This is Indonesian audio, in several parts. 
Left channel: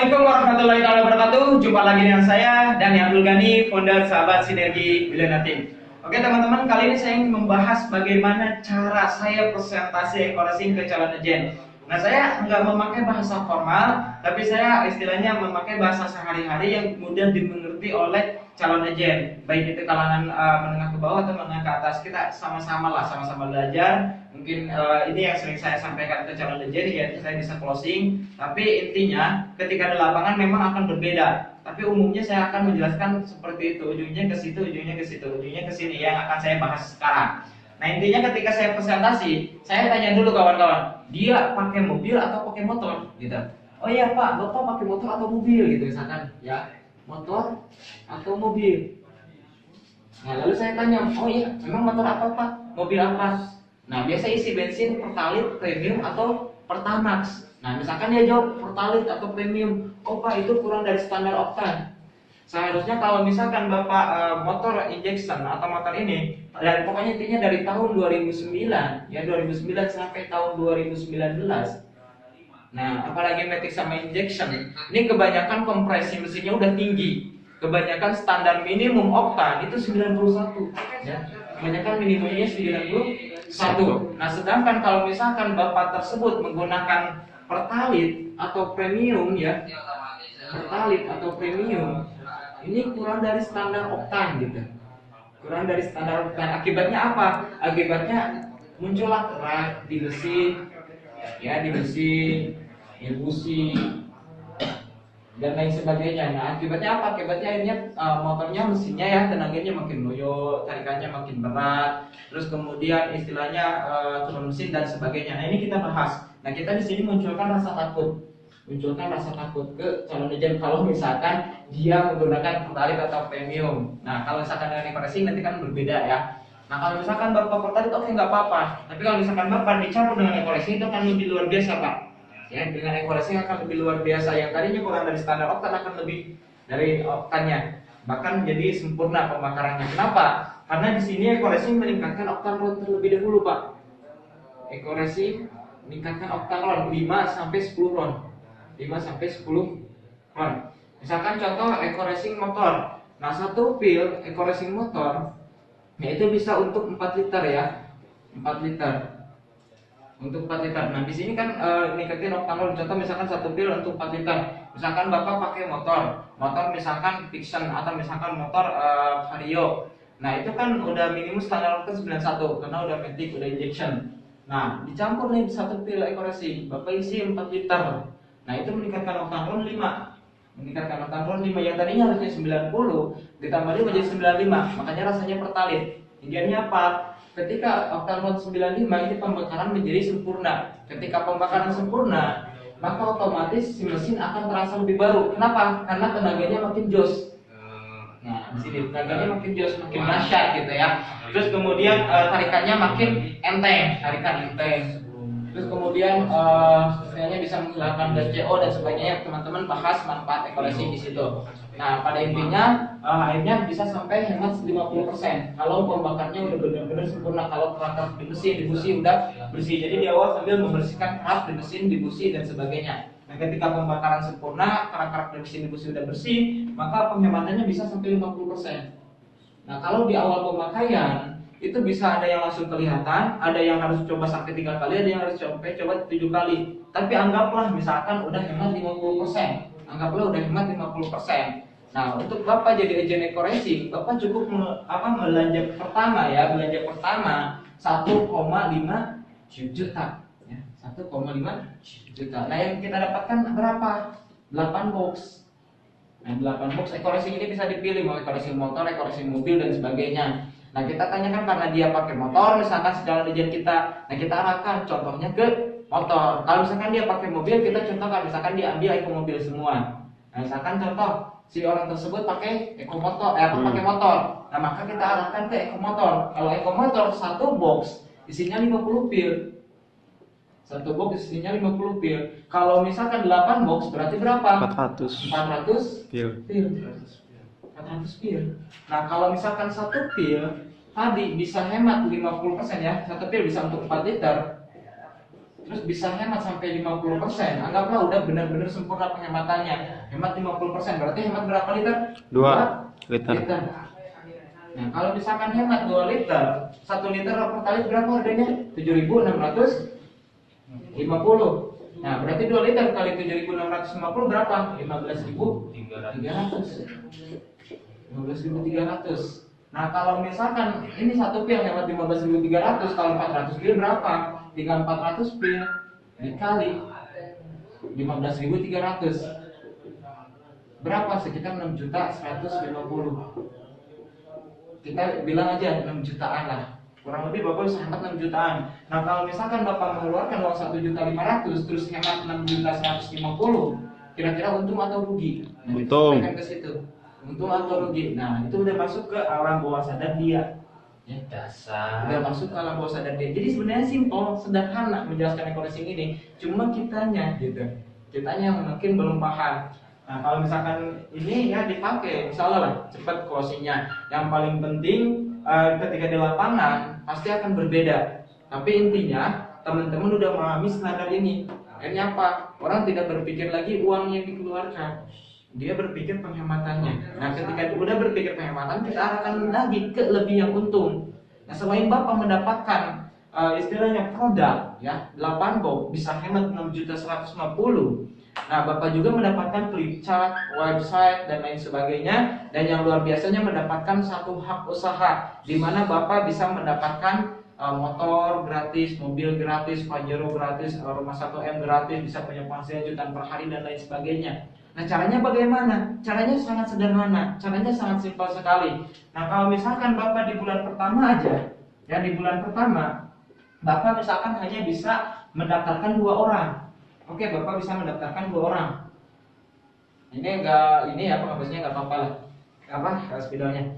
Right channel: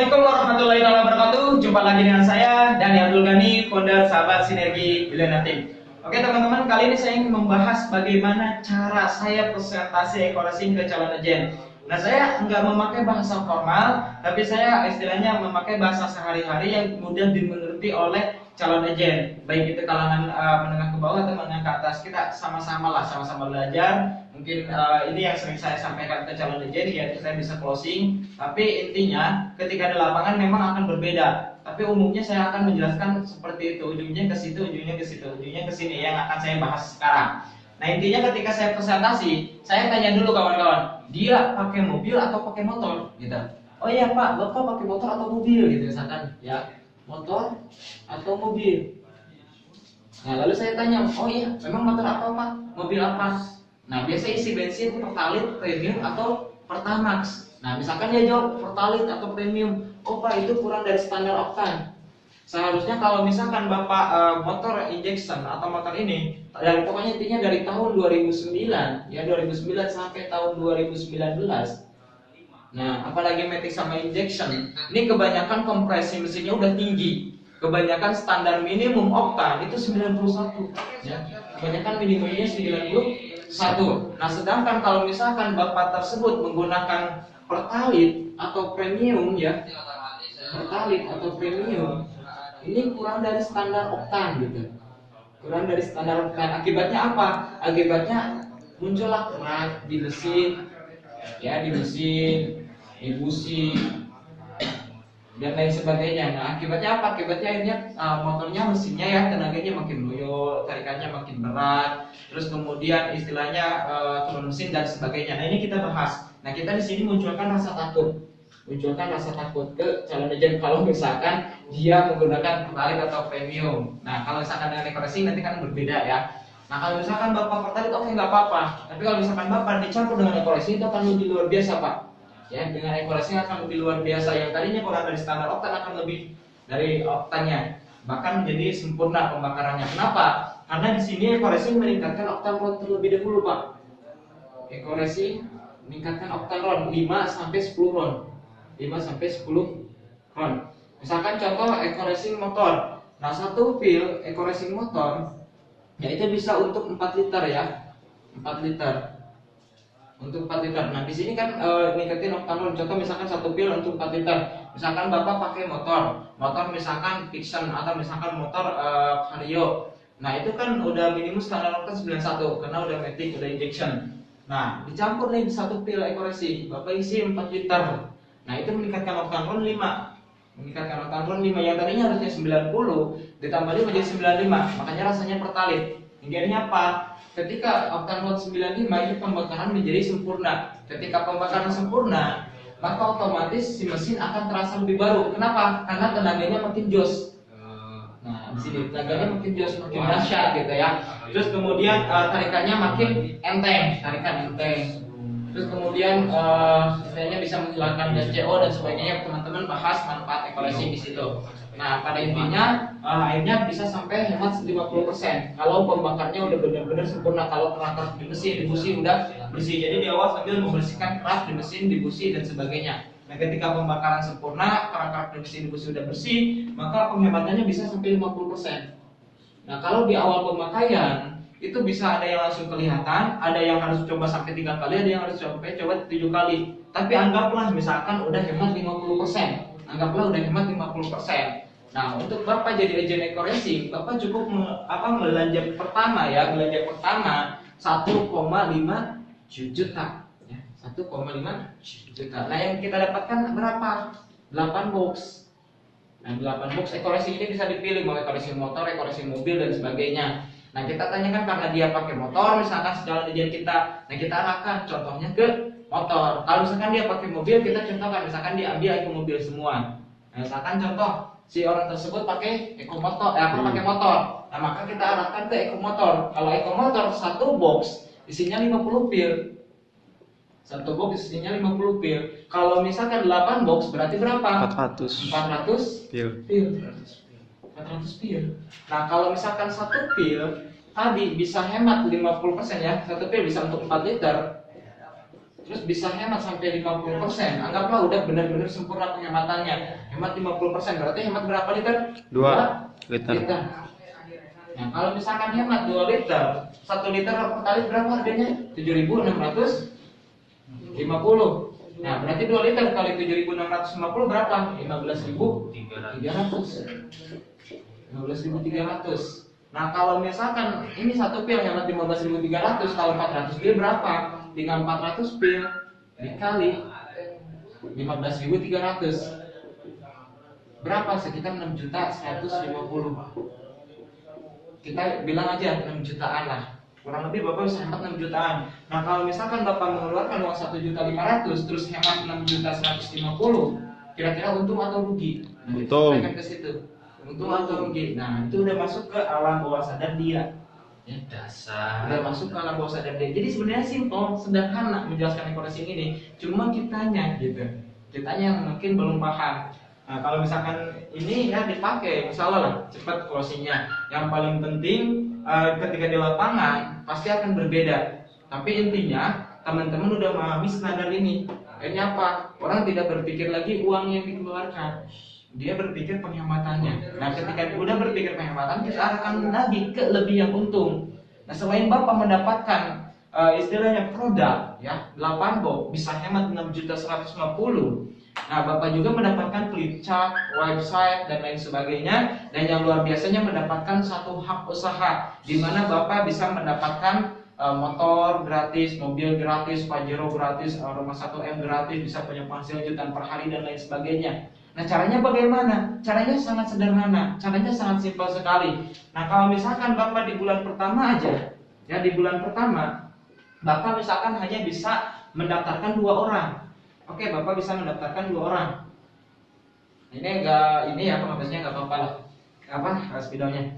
Assalamualaikum warahmatullahi wabarakatuh. Jumpa lagi dengan saya Dani Abdul Ghani, founder Sahabat Sinergi Bilena Team. Oke teman-teman, kali ini saya ingin membahas bagaimana cara saya presentasi eco-racing ke calon agen. Nah, saya nggak memakai bahasa formal, tapi saya istilahnya memakai bahasa sehari-hari yang mudah dimengerti oleh calon agen. Baik itu kalangan menengah ke bawah atau menengah ke atas, kita sama-sama lah, sama-sama belajar. Mungkin ini yang sering saya sampaikan ke calon agen, ya saya bisa closing. Tapi intinya ketika di lapangan memang akan berbeda. Tapi umumnya saya akan menjelaskan seperti itu, ujungnya ke situ, ujungnya ke situ, ujungnya ke sini, yang akan saya bahas sekarang. Nah, intinya ketika saya presentasi, saya tanya dulu kawan-kawan, dia pakai mobil atau pakai motor, gitu. Oh iya Pak, Bapak pakai motor atau mobil, gitu misalkan, ya, motor atau mobil. Nah, lalu saya tanya, oh iya, memang motor apa Pak? Mobil apa? Nah, biasa isi bensin, pertalite, premium atau pertamax. Nah, misalkan dia jawab pertalite atau premium, oh Pak, itu kurang dari standar oktan. Seharusnya kalau misalkan Bapak motor injection atau motor ini, dan pokoknya intinya dari tahun 2009, ya 2009 sampai tahun 2019. Nah, apalagi matic sama injection, ini kebanyakan kompresi mesinnya udah tinggi. Kebanyakan standar minimum oktan itu 91, ya. Kebanyakan minimumnya 91. Nah, sedangkan kalau misalkan Bapak tersebut menggunakan pertalite atau premium, ya, pertalite atau premium, ini kurang dari standar oktan, gitu. Kurang dari standar oktan. Akibatnya apa? Akibatnya muncullah kerak di mesin, ya, di mesin, di busi, dan lain sebagainya. Nah, akibatnya apa? Akibatnya akhirnya motornya, mesinnya, ya, tenaganya makin loyo, tarikannya makin berat, terus kemudian istilahnya turun mesin dan sebagainya. Nah, ini kita bahas. Nah, kita di sini munculkan rasa takut ke calon agen kalau misalkan dia menggunakan pertalite atau premium. Nah, kalau misalkan dengan eco-racing nanti kan berbeda, ya. Nah, kalau misalkan Bapak pertalite, oke, nggak apa-apa. Tapi kalau misalkan Bapak dicampur dengan eco-racing, itu akan lebih luar biasa, Pak. Ya, dengan eco-racing akan lebih luar biasa. Yang tadinya kurang dari standar oktan akan lebih dari oktannya. Bahkan menjadi sempurna pembakarannya. Kenapa? Karena di sini eco-racing meningkatkan oktan ron terlebih dahulu, Pak. Eco-racing meningkatkan oktan ron 5 sampai 10 ron. 5 sampai 10 ron. Misalkan contoh eco-racing motor. Nah, satu pil eco-racing motor yaitu bisa untuk 4 liter, ya. 4 liter. Untuk 4 liter. Nah, di sini kan ningkatin oktan ron. Contoh misalkan satu pil untuk 4 liter. Misalkan Bapak pakai motor misalkan Vixen atau misalkan motor Vario. Nah, itu kan udah minimum standar oktan 91 karena udah matic, udah injection. Nah, dicampur nih satu pil eco-racing, Bapak isi 4 liter. Nah, itu meningkatkan oktan ron 5. Meningkatkan oktan ron 5 yang tadinya harusnya 90 ditambah 5 menjadi 95. Makanya rasanya pertalite. Hingga apa? Ketika oktan ron 95 itu pembakaran menjadi sempurna. Ketika pembakaran sempurna, maka otomatis si mesin akan terasa lebih baru. Kenapa? Karena tenaganya makin jos. Nah, di sini tenaganya makin jos, makin dahsyat, gitu, ya. Terus kemudian tarikannya makin enteng, tarikan enteng. Terus kemudian istilahnya bisa menghilangkan gas CO dan sebagainya. Teman-teman bahas manfaat eco-racing di situ. Nah, pada intinya akhirnya bisa sampai hemat 50% kalau pembakarnya udah benar-benar sempurna. Kalau kerak di mesin, di busi udah bersih. Jadi di awal sambil membersihkan kerak di mesin, di busi dan sebagainya. Nah, ketika pembakaran sempurna, kerak-kerak di mesin, di busi udah bersih, maka penghematannya bisa sampai 50%. Nah, kalau di awal pemakaian itu bisa ada yang langsung kelihatan, ada yang harus coba sampai 3 kali, ada yang harus coba 7 kali. Tapi anggaplah misalkan udah hemat 50%. Anggaplah udah hemat 50%. Nah, untuk Bapak jadi agen eco-racing, Bapak cukup belanja pertama, ya, belanja pertama 1,5 juta, ya, 1,5 juta. Nah, yang kita dapatkan berapa? 8 box. Nah, 8 box eco-racing ini bisa dipilih mau eco-racing motor, eco-racing mobil dan sebagainya. Nah, kita tanyakan karena dia pakai motor, misalkan segala tujuan kita. Nah, kita arahkan contohnya ke motor. Kalau misalkan dia pakai mobil, kita contohkan misalkan dia ambil eco mobil semua. Nah, misalkan contoh si orang tersebut pakai eco motor, pakai motor. Nah, maka kita arahkan ke eco motor. Kalau eco motor satu box isinya 50 pil. Satu box isinya 50 pil. Kalau misalkan 8 box berarti berapa? 400 pil. 400 pil. Nah, kalau misalkan satu pil tadi bisa hemat 50%, ya. Satu pil bisa untuk 4 liter. terus bisa hemat sampai 50%, anggaplah udah benar-benar sempurna penghematannya, hemat 50%, berarti hemat berapa liter? 2 liter. Nah, kalau misalkan hemat 2 liter, 1 liter pertalite berapa harganya? 7.650. Nah, berarti 2 liter kali 7.650 berapa? 15.300. 15.300. Nah, kalau misalkan ini satu pil hemat 15.300, kalau 400 pil berapa? Tinggal 400 pil dikali 15.300. Berapa? Sekitar 6.150. Kita bilang aja 6 jutaan lah. Kurang lebih Bapak bisa hemat 6 jutaan. Nah, kalau misalkan Bapak mengeluarkan uang 1.500.000 terus hemat 6.150, kira-kira untung atau rugi? Nah, untung. Ke situ. Untung atau rugi. Nah, itu udah masuk ke alam bawah sadar dia. Ya, dasar. Udah masuk ke alam bawah sadar dia. Jadi sebenarnya simpel, sederhana menjelaskan equation ini. Cuma kitanya gitu. Kitanya yang mungkin belum paham. Nah, kalau misalkan ini ya dipakai, misalnya lah cepat closingnya. Yang paling penting ketika di lapangan pasti akan berbeda. Tapi intinya teman-teman udah memahami standar ini. Akhirnya apa? Orang tidak berpikir lagi uang yang dikeluarkan, dia berpikir penghematannya. Nah, ketika udah berpikir penghematan, kita akan lagi ke lebih yang untung. Nah, selain Bapak mendapatkan istilahnya produk ya 8 box bisa hemat 6.150. Nah, Bapak juga mendapatkan flip chart, website dan lain sebagainya, dan yang luar biasanya mendapatkan satu hak usaha di mana Bapak bisa mendapatkan motor gratis, mobil gratis, Pajero gratis, rumah 1M gratis, bisa punya penghasilan jutaan per hari dan lain sebagainya. Nah, caranya bagaimana? Caranya sangat sederhana, caranya sangat simpel sekali. Nah, kalau misalkan Bapak di bulan pertama aja, ya di bulan pertama, Bapak misalkan hanya bisa mendaftarkan 2 orang. Oke, Bapak bisa mendaftarkan 2 orang. Ini ya penghabisnya nggak apa-apa lah. Spidolnya.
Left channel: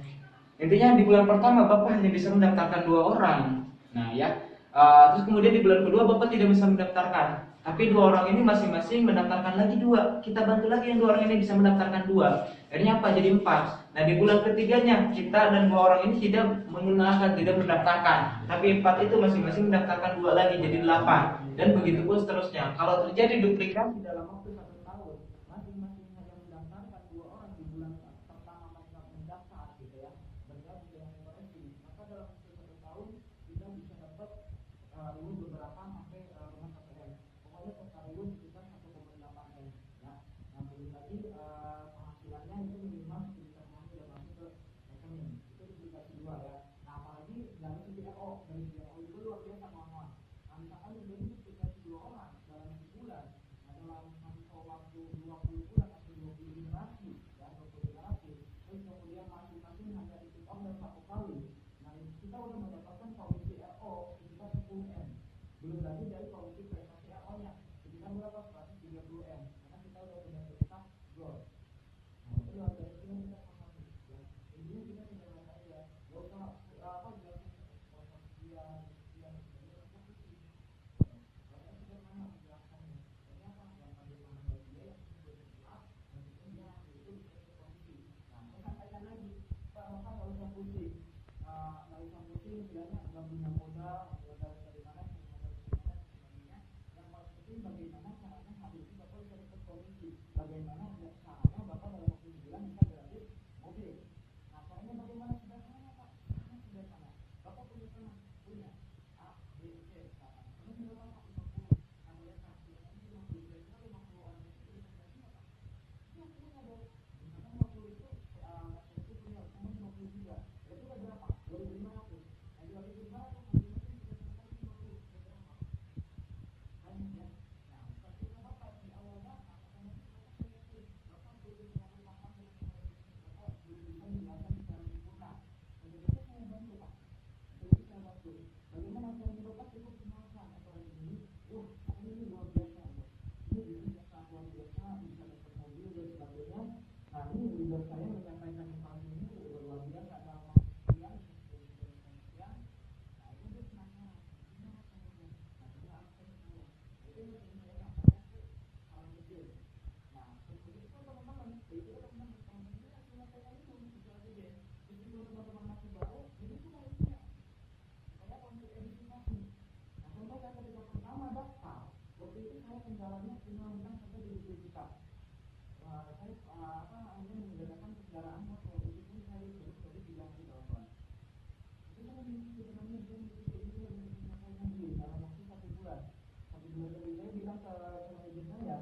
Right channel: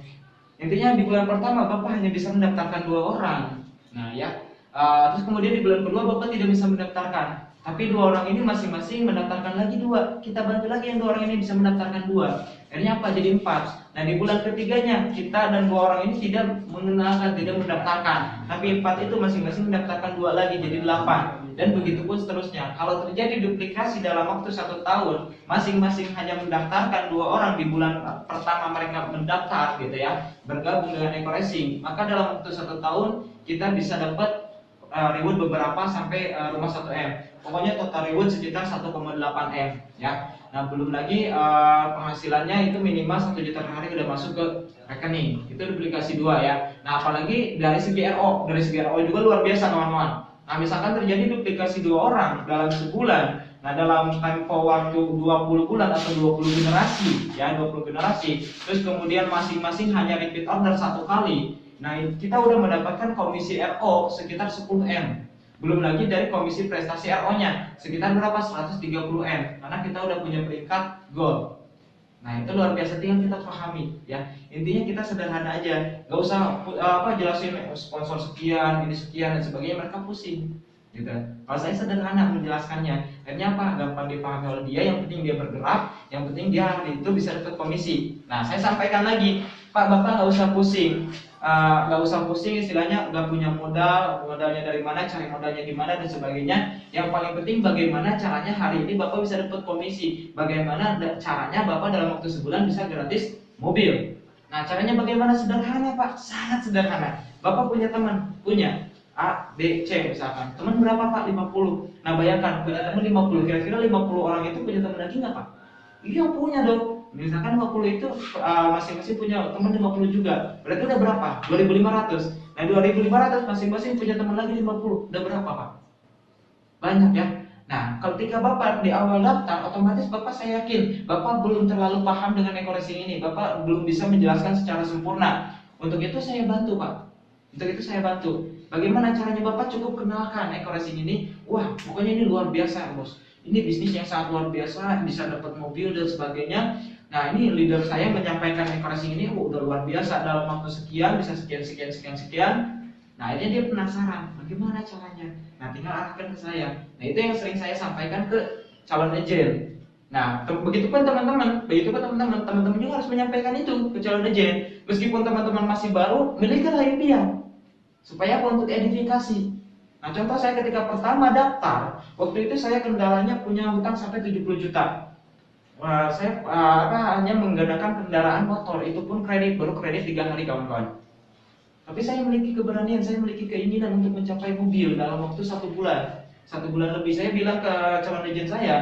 Intinya di bulan pertama Bapak hanya bisa mendaftarkan 2 orang. Nah ya, terus kemudian di bulan kedua Bapak tidak bisa mendaftarkan. Tapi 2 orang ini masing-masing mendaftarkan lagi 2. Kita bantu lagi yang 2 orang ini bisa mendaftarkan 2. Akhirnya apa? Jadi 4. Nah, di bulan ketiganya kita dan 2 orang ini tidak mengenalkan, tidak mendaftarkan. Tapi 4 itu masing-masing mendaftarkan 2 lagi jadi 8. Dan begitu pun seterusnya. Kalau terjadi duplikasi dalam waktu 1 tahun, masing-masing hanya mendaftarkan 2 orang di bulan pertama mereka mendaftar gitu ya, bergabung dengan Eco-Racing, maka dalam waktu 1 tahun kita bisa dapat reward beberapa sampai rumah 1M. Pokoknya total reward sekitar 1,8M ya. Nah, belum lagi penghasilannya itu minimal 1 juta per hari udah masuk ke rekening. Itu duplikasi 2 ya. Nah, apalagi dari segi RO juga luar biasa kawan-kawan. Nah, misalkan terjadi duplikasi 2 orang dalam sebulan, nah dalam tempo waktu 20 bulan atau 20 generasi ya, 20 generasi, terus kemudian masing-masing hanya repeat order 1 kali. Nah, kita udah mendapatkan komisi RO sekitar 10M. Belum lagi dari komisi prestasi RO-nya sekitar berapa? 130M. Karena kita udah punya peringkat gold. Nah, itu luar biasa, tinggal kita pahami ya. Intinya kita sederhana aja, nggak usah jelasin sponsor sekian, ini sekian dan sebagainya, mereka pusing gitu. Kalau saya sederhana menjelaskannya, akhirnya apa? Gampang dipahami oleh dia. Yang penting dia bergerak, yang penting dia hari itu bisa dapat komisi. Nah, saya sampaikan lagi, Pak, Bapak nggak usah pusing. Istilahnya nggak punya modalnya dari mana, cari modalnya di mana dan sebagainya. Yang paling penting bagaimana caranya hari ini Bapak bisa dapat komisi, bagaimana caranya Bapak dalam waktu sebulan bisa gratis mobil. Nah, caranya bagaimana? Sederhana, Pak, sangat sederhana. Bapak punya teman, punya A, B, C misalkan. Teman berapa, Pak? 50. Nah, bayangkan punya teman 50, kira-kira 50 orang itu punya teman lagi nggak, Pak? Iya, punya dong. Misalkan 50 itu masing-masing punya teman 50 juga. Berarti udah berapa? 2.500. Nah, 2.500 masing-masing punya teman lagi 50. Udah berapa, Pak? Banyak ya. Nah, ketika Bapak di awal daftar, otomatis Bapak, saya yakin Bapak belum terlalu paham dengan Eco-Racing ini. Bapak belum bisa menjelaskan secara sempurna. Untuk itu saya bantu, Pak. Bagaimana caranya? Bapak cukup kenalkan Eco-Racing ini. Wah, pokoknya ini luar biasa, Bos. Ini bisnis yang sangat luar biasa, bisa dapat mobil dan sebagainya. Nah, ini leader saya menyampaikan Eco-Racing ini udah luar biasa, dalam waktu sekian bisa sekian. Nah, akhirnya dia penasaran, bagaimana caranya? Nah, tinggal arahkan ke saya. Nah, itu yang sering saya sampaikan ke calon agent. Nah, begitupun teman-teman juga harus menyampaikan itu ke calon agent. Meskipun teman-teman masih baru, milikilah impian supaya untuk edifikasi. Nah, contoh saya ketika pertama daftar, waktu itu saya kendalanya punya hutang sampai 70 juta. Saya hanya menggunakan kendaraan motor, itu pun kredit, baru kredit 3 hari kawan-kawan. Tapi saya memiliki keberanian, saya memiliki keinginan untuk mencapai mobil dalam waktu 1 bulan. 1 bulan lebih. Saya bilang ke calon agent saya,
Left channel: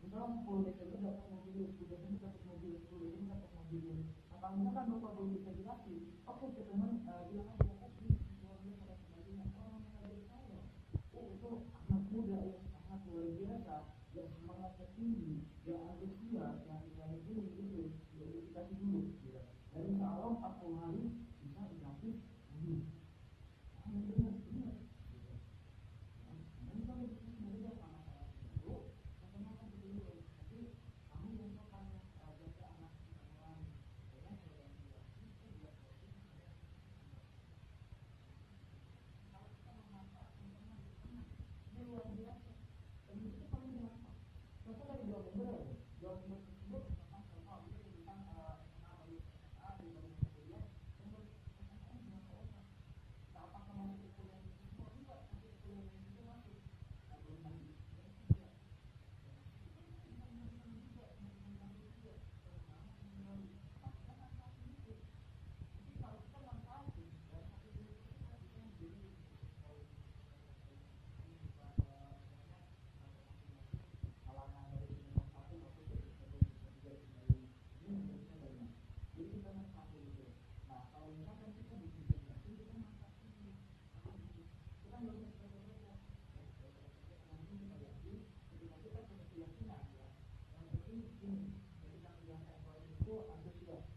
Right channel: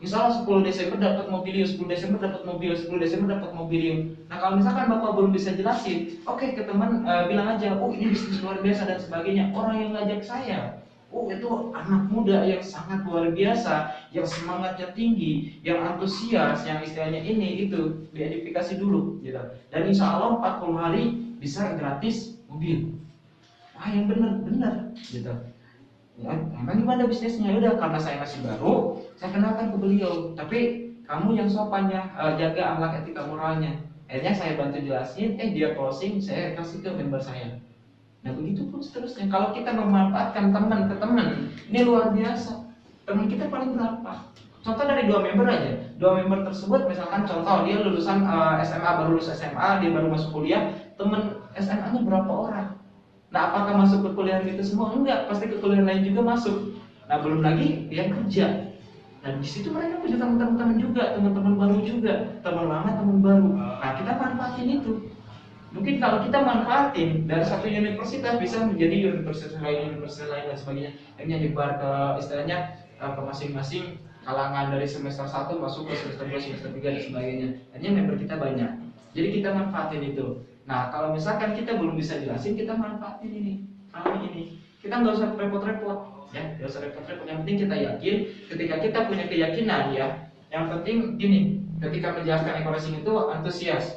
misalnya 10 Desember dapat mobilium, 10 Desember dapat mobil, 10 Desember dapat mobilium. Nah, kalau misalkan Bapak belum bisa jelasin, oke, ke teman bilang aja, oh ini bisnis luar biasa dan sebagainya. Orang yang ngajak saya, oh itu anak muda yang sangat luar biasa, yang semangatnya tinggi, yang antusias, yang istilahnya ini itu diedifikasi dulu gitu. Dan insya Allah 40 hari bisa gratis mobil. Wah, yang benar gitu. Ya, emang gimana bisnisnya? Udah, karena saya masih baru, saya kenalkan ke beliau. Tapi kamu yang sopan ya, jaga akhlak etika moralnya. Akhirnya saya bantu jelasin, dia closing, saya kasih ke member saya. Nah, begitu pun seterusnya. Kalau kita memanfaatkan teman ke teman, ini luar biasa. Teman kita paling berapa? Contoh dari 2 member aja. 2 member tersebut, misalkan contoh dia lulusan SMA, baru lulus SMA, dia baru masuk kuliah. Teman SMA-nya berapa orang? Nah, apakah masuk ke kuliah itu semua? Enggak, pasti ke kuliah lain juga masuk. Nah, belum lagi dia kerja. Nah, di situ mereka punya teman-teman juga, teman-teman baru juga, teman lama, teman baru. Nah, kita manfaatin itu. Mungkin kalau kita manfaatin dari satu universitas bisa menjadi universitas lain dan sebagainya. Akhirnya nyebar ke istilahnya ke masing-masing kalangan dari semester 1 masuk ke semester 2, semester 3 dan sebagainya. Akhirnya member kita banyak. Jadi kita manfaatin itu. Nah, kalau misalkan kita belum bisa jelasin, kita manfaatin ini. Kita nggak usah repot-repot, ya, nggak usah repot-repot. Yang penting kita yakin. Ketika kita punya keyakinan, ya, yang penting gini. Ketika menjelaskan e-coaching itu antusias.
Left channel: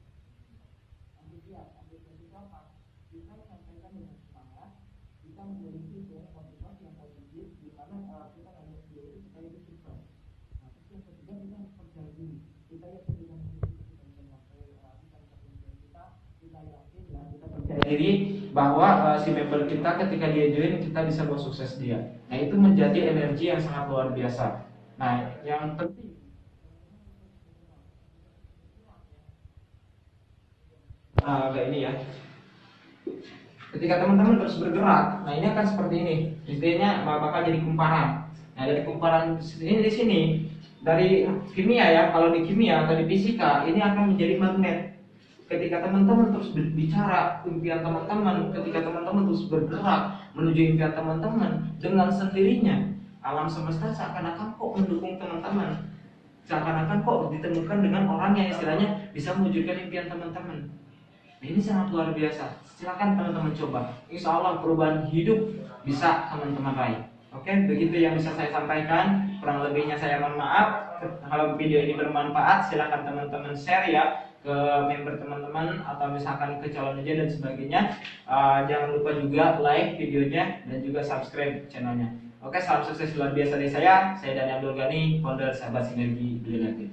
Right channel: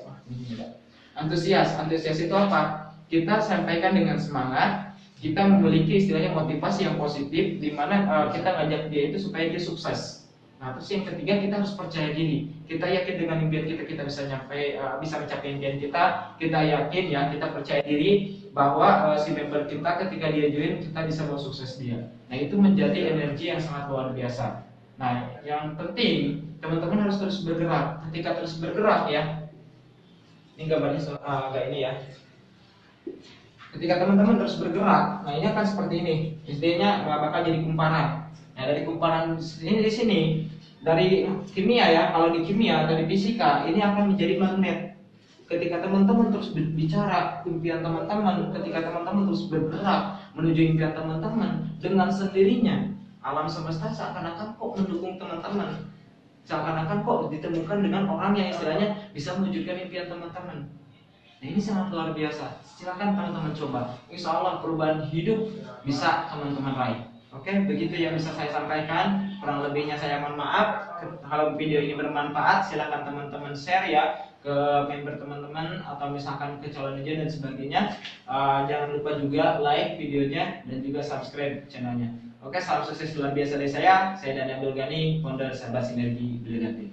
Antusias itu apa? Kita sampaikan dengan semangat. Kita memiliki istilahnya motivasi yang positif, di mana kita ngajak dia itu supaya dia sukses. Nah, terus yang ketiga, kita harus percaya diri. Kita yakin dengan impian kita bisa mencapai impian kita. Kita yakin, ya, kita percaya diri bahwa si member kita ketika dia join, kita bisa bawa sukses dia. Nah, itu menjadi energi yang sangat luar biasa. Nah, yang penting teman-teman harus terus bergerak. Ketika terus bergerak, ya, ini gambarnya agak ini ya. Ketika teman-teman terus bergerak, nah ini akan seperti ini. Istilahnya bakal jadi kumparan. Nah, dari kumparan ini di sini, dari kimia ya, kalau di kimia atau di fisika ini akan menjadi magnet. Ketika teman-teman terus berbicara impian teman-teman, ketika teman-teman terus bergerak menuju impian teman-teman, dengan sendirinya alam semesta seakan-akan kok mendukung teman-teman. Seakan-akan kok ditemukan dengan orang yang istilahnya bisa mewujudkan impian teman-teman. Nah, ini sangat luar biasa. Silakan teman-teman coba. Insya Allah perubahan hidup bisa teman-teman raih. Oke, begitu yang bisa saya sampaikan. Kurang lebihnya saya mohon maaf. Kalau video ini bermanfaat, silakan teman-teman share ya ke member teman-teman atau misalkan ke calon agent dan sebagainya. Jangan lupa juga like videonya dan juga subscribe channelnya. Oke, salam sukses luar biasa dari saya. Saya Dani Abdul Ghani, founder Sahabat Sinergi Brilliant.